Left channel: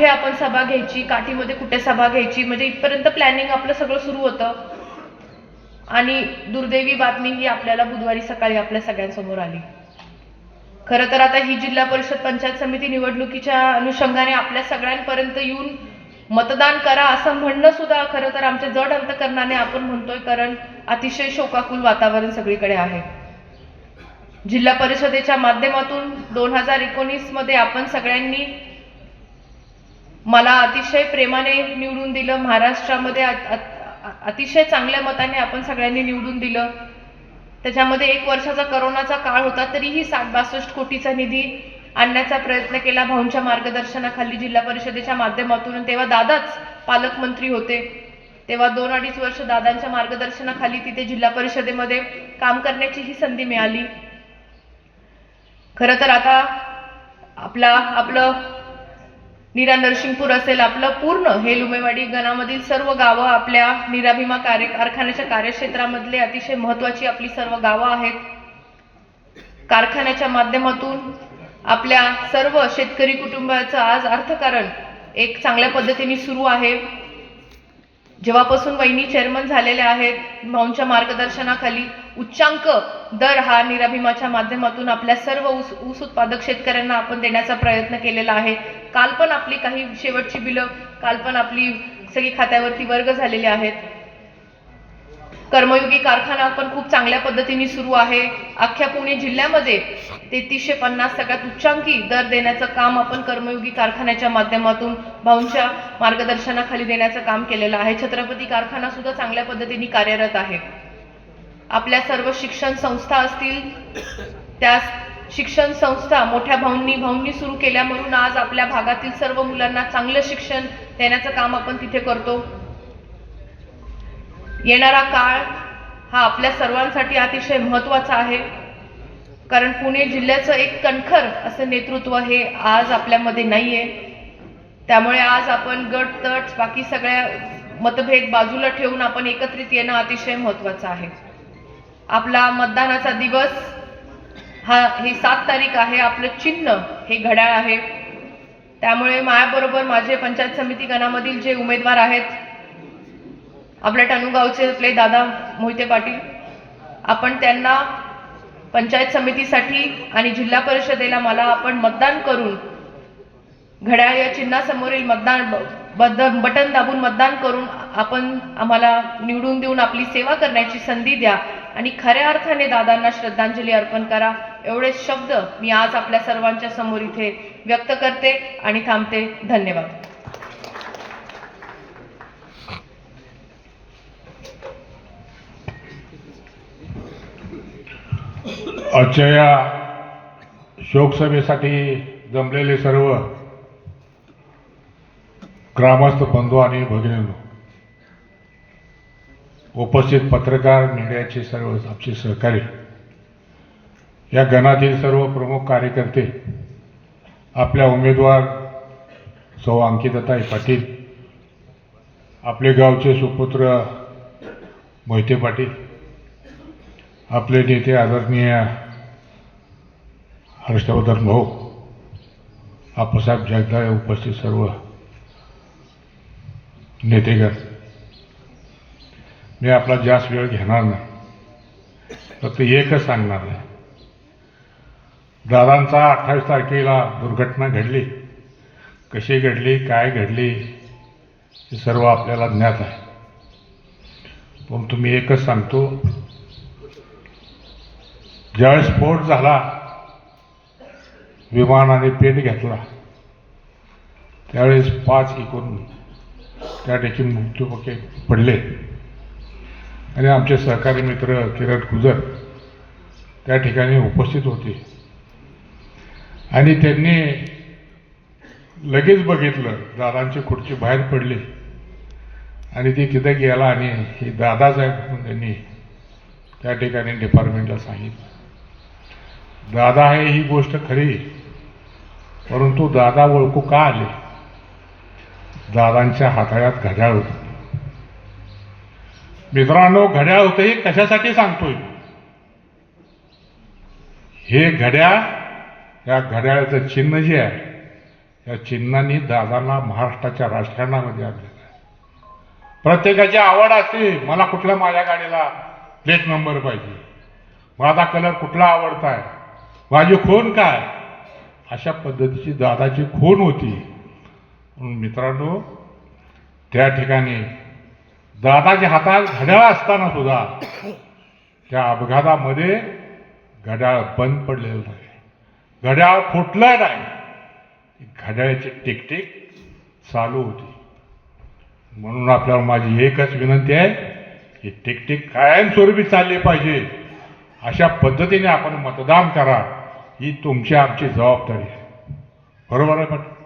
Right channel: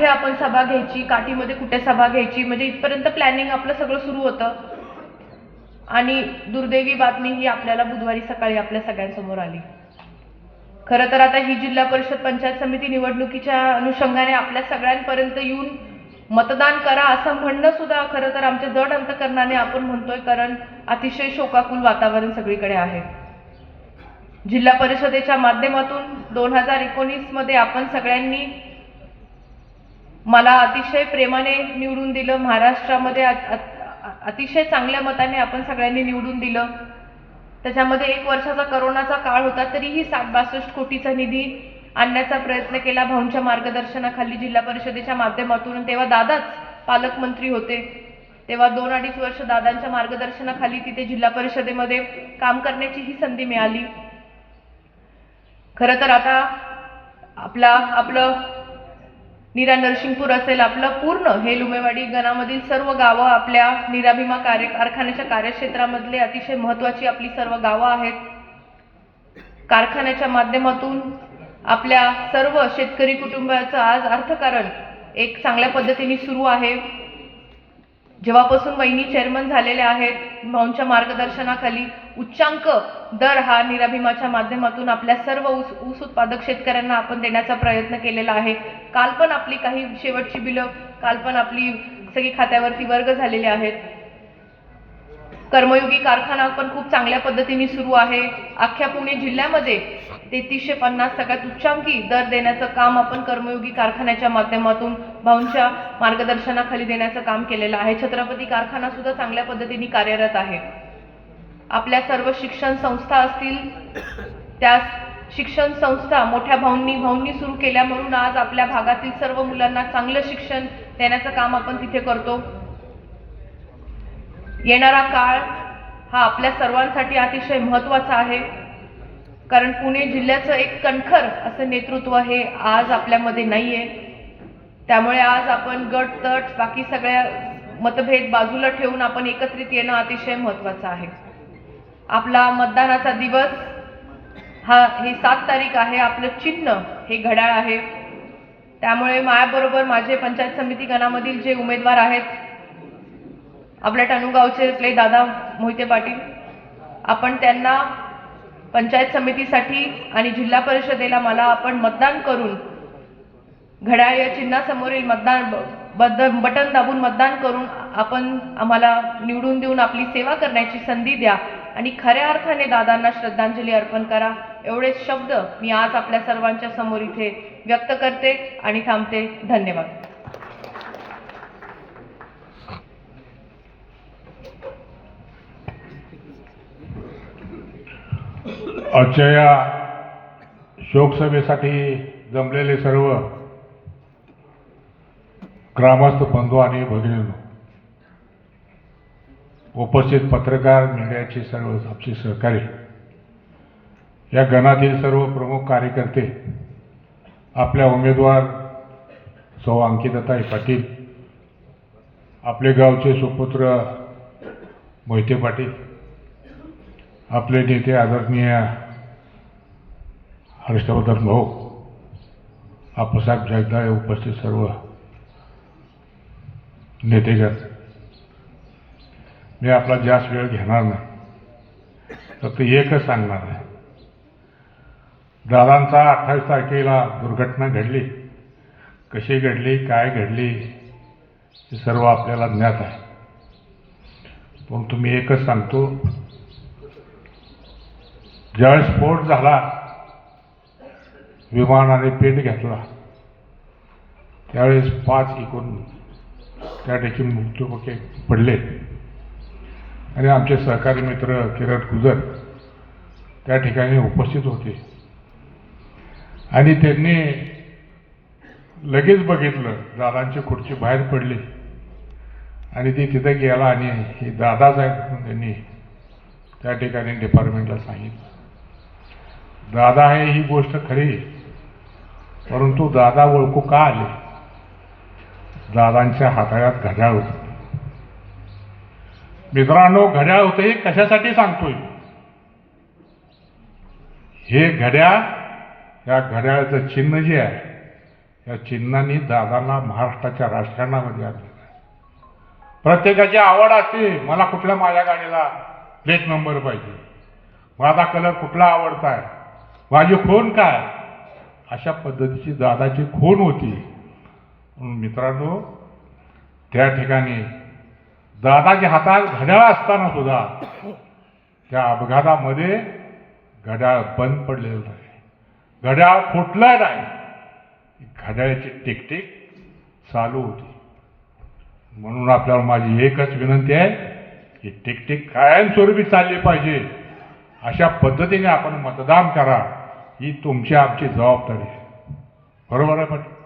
कुठे आपण सभा घ्यायची, काठीमध्ये कुठे सभा घ्यायची, म्हणजे इथपर्यंत प्लॅनिंग आपलं सगळं सुरू होतं. आणि दुर्दैवी बातमी ही आपल्याला बुधवारी सकाळी आपल्या सगळ्यांसमोर आली. खरं तर आता ही जिल्हा परिषद पंचायत समिती निवडणुकीच्या अनुषंगाने आपल्या सगळ्यांपर्यंत येऊन मतदान करा असं म्हणणं सुद्धा खरं तर आमच्या जड अंतकरणाने आपण म्हणतोय, कारण अतिशय शोकाकुल वातावरण सगळीकडे आहे. जिल्हा परिषदेच्या माध्यमातून 2019 मध्ये आपण सगळ्यांनी मला अतिशय प्रेमाने निवडून दिलं. महाराष्ट्रामध्ये अतिशय चांगल्या मताने आपण सगळ्यांनी निवडून दिलं. त्याच्यामध्ये 1 वर्षाचा करोनाचा काळ होता, तरीही 60-62 कोटीचा निधी आणण्याचा प्रयत्न केला भाऊंच्या मार्गदर्शनाखाली जिल्हा परिषदेच्या माध्यमातून. तेव्हा दादाच पालकमंत्री होते. तेव्हा 2-2.5 वर्ष दादांच्या मार्गदर्शनाखाली तिथे जिल्हा परिषदेमध्ये काम करण्याची ही संधी मिळाली. खरं तर आता आपलं नीरा नरसिंगपूर असेल, आपलं पूर्ण हे लुमेवाडी गणामधील सर्व गावं आपल्या नीरा भीमा कारखान्याच्या कार्यक्षेत्रामधले अतिशय महत्त्वाची आपली सर्व गावं आहेत. कारखान्याच्या माध्यमातून आपल्या सर्व शेतकरी कुटुंबाचं आज अर्थकारण एक चांगल्या पद्धतीने सुरू आहे. जेव्हापासून वहिनी चेअरमन झालेल्या आहेत, भाऊंच्या मार्गदर्शनाखाली उच्चांक दर हा नीरा भीमाच्या माध्यमातून आपल्या सर्व ऊस उत्पादक शेतकऱ्यांना आपण देण्याचा प्रयत्न केलेला आहे. काल पण आपली काही शेवटची बिलं काल पण आपली सगळी खात्यावरती वर्ग झालेले आहेत. कर्मयोगी कारखाना पण खूप चांगल्या पद्धतीने सुरू आहे. अख्ख्या पुणे जिल्ह्यामध्ये 3350 सगळ्यात उच्चांकी दर देण्याचं काम आपण कर्मयोगी कारखान्याच्या माध्यमातून भाऊंच्या मार्गदर्शनाखाली देण्याचं काम केलेलं आहे. छत्रपती कारखाना सुद्धा चांगल्या पद्धतीने कार्यरत आहे. आपल्या सर्व शिक्षण संस्था असतील, त्या शिक्षण संस्था मोठ्या भाऊंनी सुरू केल्या, म्हणून आज आपल्या भागातील सर्व मुलांना चांगलं शिक्षण देण्याचं काम आपण तिथे करतो. येणारा काळ हा आपल्या सर्वांसाठी अतिशय महत्त्वाचा आहे, कारण पुणे जिल्ह्याचं एक कणखर असं नेतृत्व हे आज आपल्यामध्ये नाहीये. त्यामुळे आज आपण गट तट बाकी सगळ्या मतभेद बाजूला ठेवून आपण एकत्रित येणं अतिशय महत्त्वाचं आहे. आपला मतदानाचा दिवस ही 7 तारीख आहे. आपलं चिन्ह हे घड्याळ आहे. त्यामुळे माझ्याबरोबर माझे पंचायत समिती गणामधील जे उमेदवार आहेत, आपल्या टणूगावचे आपले दादा मोहिते पाटील, आपण त्यांना पंचायत समितीसाठी आणि जिल्हा परिषदेला मला आपण मतदान करून घड्याळ या चिन्हासमोरील बटन दाबून मतदान करून आपण आम्हाला निवडून देऊन आपली सेवा करण्याची संधी द्या आणि खऱ्या अर्थाने दादांना श्रद्धांजली अर्पण करा. एवढे शब्द मी आज आपल्या सर्वांच्या समोर इथे व्यक्त करते आणि थांबते. धन्यवाद. आजच्या या शोकसभेसाठी जमलेले सर्व ग्रामस्थ बंधू आणि भगिनींनो, उपस्थित पत्रकार, मीडियाचे सर्व आमचे सहकारी, या गणातील सर्व प्रमुख कार्यकर्ते, आपल्या उमेदवार सौ अंकिताताई पाटील, आपले गावचे सुपुत्र मोहिते पाटील, आपले नेते आदरणीय हर्षवर्धन भाऊ, आप्पासाहेब जगदाळे, उपस्थित सर्व नेतेगण, मी आपला जास्त वेळ घेणार नाही. फक्त एकच सांगणार आहे, दादांचा 28 तारखेला दुर्घटना घडली, कशी घडली, काय घडली हे सर्व आपल्याला ज्ञात आहे. पण तुम्ही एकच सांगतो, ज्यावेळेस स्फोट झाला, विमानाने पेट घेतला, त्यावेळेस 5 एकूण त्या ठिकाणी मृत्यू पडले आणि आमचे सहकारी मित्र किरण गुजर त्या ठिकाणी उपस्थित होते आणि त्यांनी लगेच बघितलं, दादांची खुर्ची बाहेर पडली आणि ती तिथे गेला आणि हे दादाच आहे म्हणून त्यांनी त्या ठिकाणी डिपार्टमेंटला सांगितलं. दादा आहे ही गोष्ट खरी, परंतु दादा ओळखू का आले? दादांच्या हाताळ्यात घड्याळ होतं. मित्रांनो, घड्याळ होतं हे कशासाठी सांगतोय? हे घड्याळ, या घड्याळाचं चिन्ह जे आहे या चिन्हांनी दादांना महाराष्ट्राच्या राजकारणामध्ये आणलेलं आहे. प्रत्येकाची आवड असते, मला कुठल्या माझ्या गाडीला प्लेट नंबर पाहिजे, माझा कलर कुठला आवडता आहे, माझी खून काय, अशा पद्धतीची दादाची खून होती. म्हणून मित्रांनो, त्या ठिकाणी दादाच्या हातात घड्याळ असताना सुद्धा त्या अपघातामध्ये घड्याळ बंद पडलेलं नाही, घड्याळ फुटलं नाही, घड्याळाची टिकटिक चालू होती. म्हणून आपल्याला माझी एकच विनंती आहे की टिकटिक कायमस्वरूपी चालली पाहिजे. अशा पद्धतीने आपण मतदान करा, ही तुमची आमची जबाबदारी आहे. बरोबर आहे पाटील?